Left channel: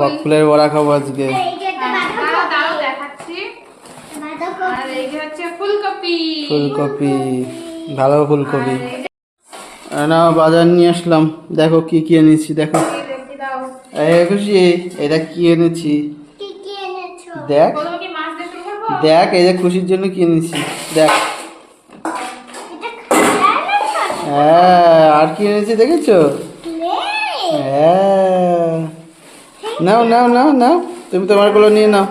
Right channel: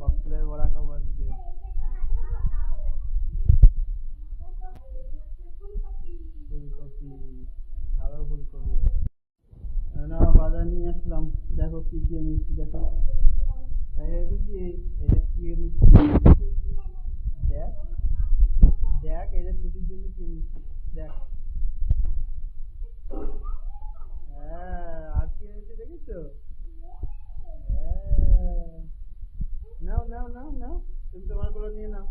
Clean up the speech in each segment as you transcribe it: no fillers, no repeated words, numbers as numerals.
বকফুলের বড়া খাবো আজকে। ফুলকপি, ভালো ফুলকপি। না বাজার নিয়ে আসলাম, দেখো কি কি এনেছি দেখো। খুশি, এটা কি এনেছি দেখ দেখ, এই যে খুশির জন্য কি এনেছি দেখ। হ্যাঁ, আর কি এনেছি দেখেছো? হ্যাঁ, নাও নাও নাও নাও, তুমি তোমার গুলো নিয়ে নাও।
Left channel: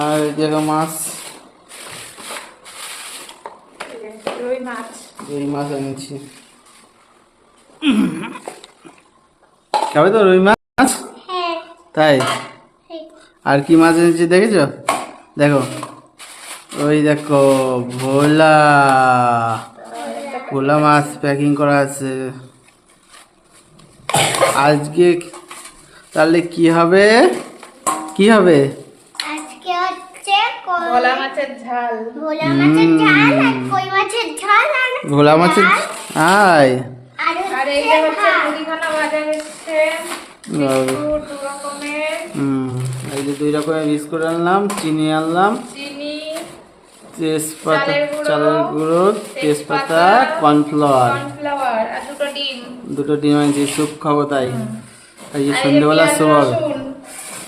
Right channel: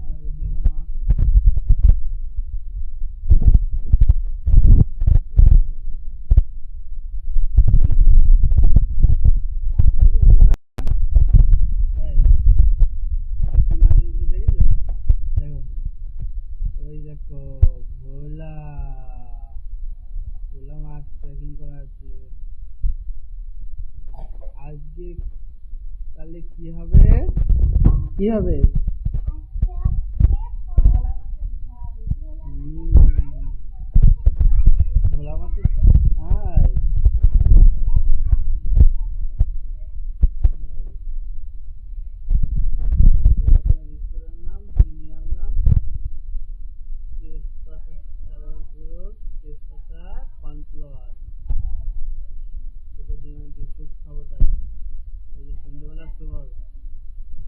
আর দেখো মাছ, রুই মাছ এনেছি। খাবে তো রুই মাছ? তাই, আর কি মাছ এনেছি দেখেছো? দেখো, ওই দেখো ভোলা, ভোলা মাছ প্যাকিং করা আছে। আজকে তাহলে কি হবে? কি হবে? আজকে হচ্ছে ভোলা মাছের ঝাল। ভোলা মাছের ঝাল আর কই মাছের ঝাল আর ভোলা মাছের আয়। আর এই যে হচ্ছে মুদিখানা বাজার এসেছে, বিস্কুট দু রকমের। এই যে 2 রকমের বিস্কুট আনলাম, চিনি আনলাম, চিনি, তেজপাতা, চালের গুঁড়ো, তেজপাতা, কর্নফ্লাওয়ার, আর দুটো ডিম। 2টো ডিম আনছি, স্যুপ খাবো তাই। এই যে সন্ধ্যেবেলা সব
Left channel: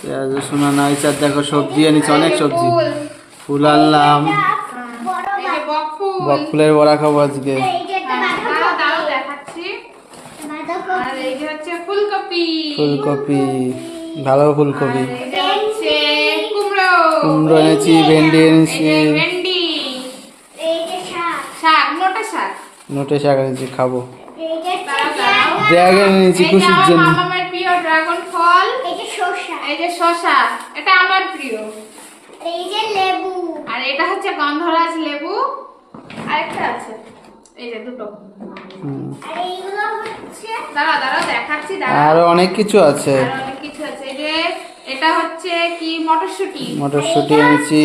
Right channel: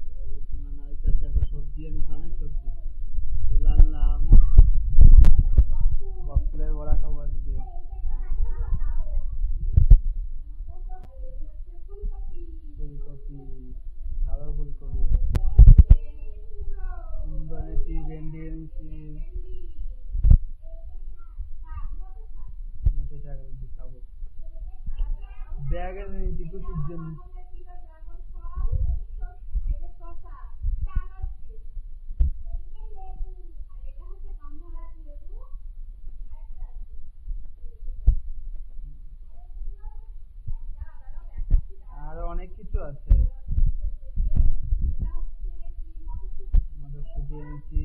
পেঁয়াজ রসুন আনা হয়েছে। আর দেখো সবজি আনিছি, অনেক সবজি। ফুল আনলাম, বকফুলের বড়া খাবো আজকে। এই যে একটা দাও দেখাচ্ছি। আর এই যে হচ্ছে ফুলকপি, ফুলকপি, ভালো ফুলকপি। এটা হচ্ছে কুমড়ো, কুমড়ো এনেছি, ভেন্ডি এনেছি, এই যে ভেন্ডি, এই যে শাক, শাক, নোটে শাক। নোটে শাক এনেছি, খাবো। এই যে ড্রাগন এনেছি এই যে খুশির আমার জন্য। মামার প্রিয় ড্রাগন ফল, এই যে শসা, এই যে শসা, এটা আমার প্রিয়। এই যে লেবু, আর এটা হচ্ছে গন্ধরাজ লেবু, আরেকটা আছে, এই যে দুটো। আর এইগুলো হচ্ছে দাঁড়া দেখাচ্ছি, আরো অনেক কিছু আছে। আর অনেক কিছু আছে। এই যে এটা হচ্ছে কি মটরশুঁটি, মটরশুঁটি এনেছি,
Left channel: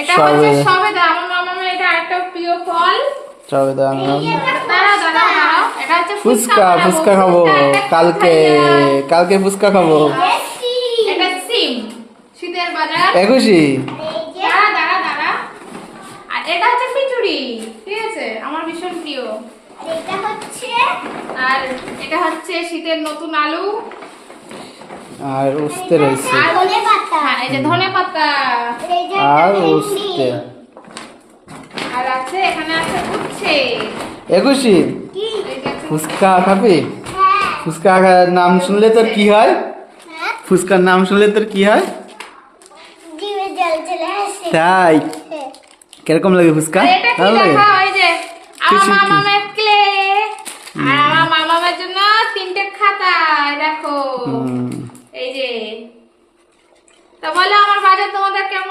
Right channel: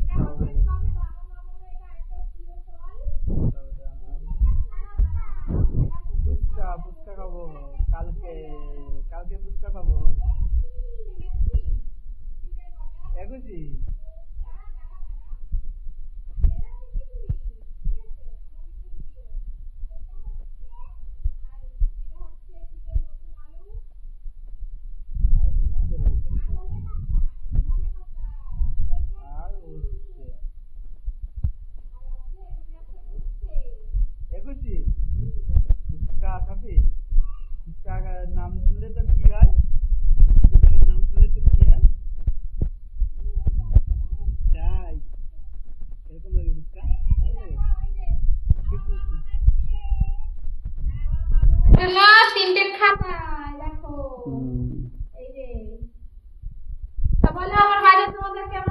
এটা হচ্ছে সবেদা, আমার মামার এটা আরেকটা প্রিয় ফল। সবেদা আনলাম। দাঁড়াও, এটা হচ্ছে ফুচকা, ফুচকা খাবো কালকে, কালকে ফুচকা খাবো। এটা সিম, শীতের বাজার। খুশি, এই যে দাঁড়া, আর এটা হচ্ছে খিচুড়ি, ঠিক আছে, আমার ভীষণ প্রিয়। এটা হচ্ছে আর এটা হচ্ছে শীতের নতুন আলু, আর উস্তে রয়েছে, আর ধনেপাতা, হ্যাঁ, এই যে ধনেপাতা, এই যে আর ভেন্ডি, উস্তে। আর আছে এখানে আছে উচ্ছে। খুশি, কি? এই যে আছে ফুচকা খাবি? হ্যাঁ, ফুচকা নাম শুনলে তোর কি হয়? হ্যাঁ, ফুচকার নাম শুনলে তোর কি হয়? জিভে জল চলে আসে। তাই, হ্যাঁ। কিরকম লাগে ফুচকা? আর এটা কি ভালো লাগে? দেখো, এই যে আমার কি? মামামের ক্লে, আর আমার মামামের জন্য 3টে খাতা, দেখো, হুম, এই যে। তা বলো আমার বাজার তোমাদের কেমন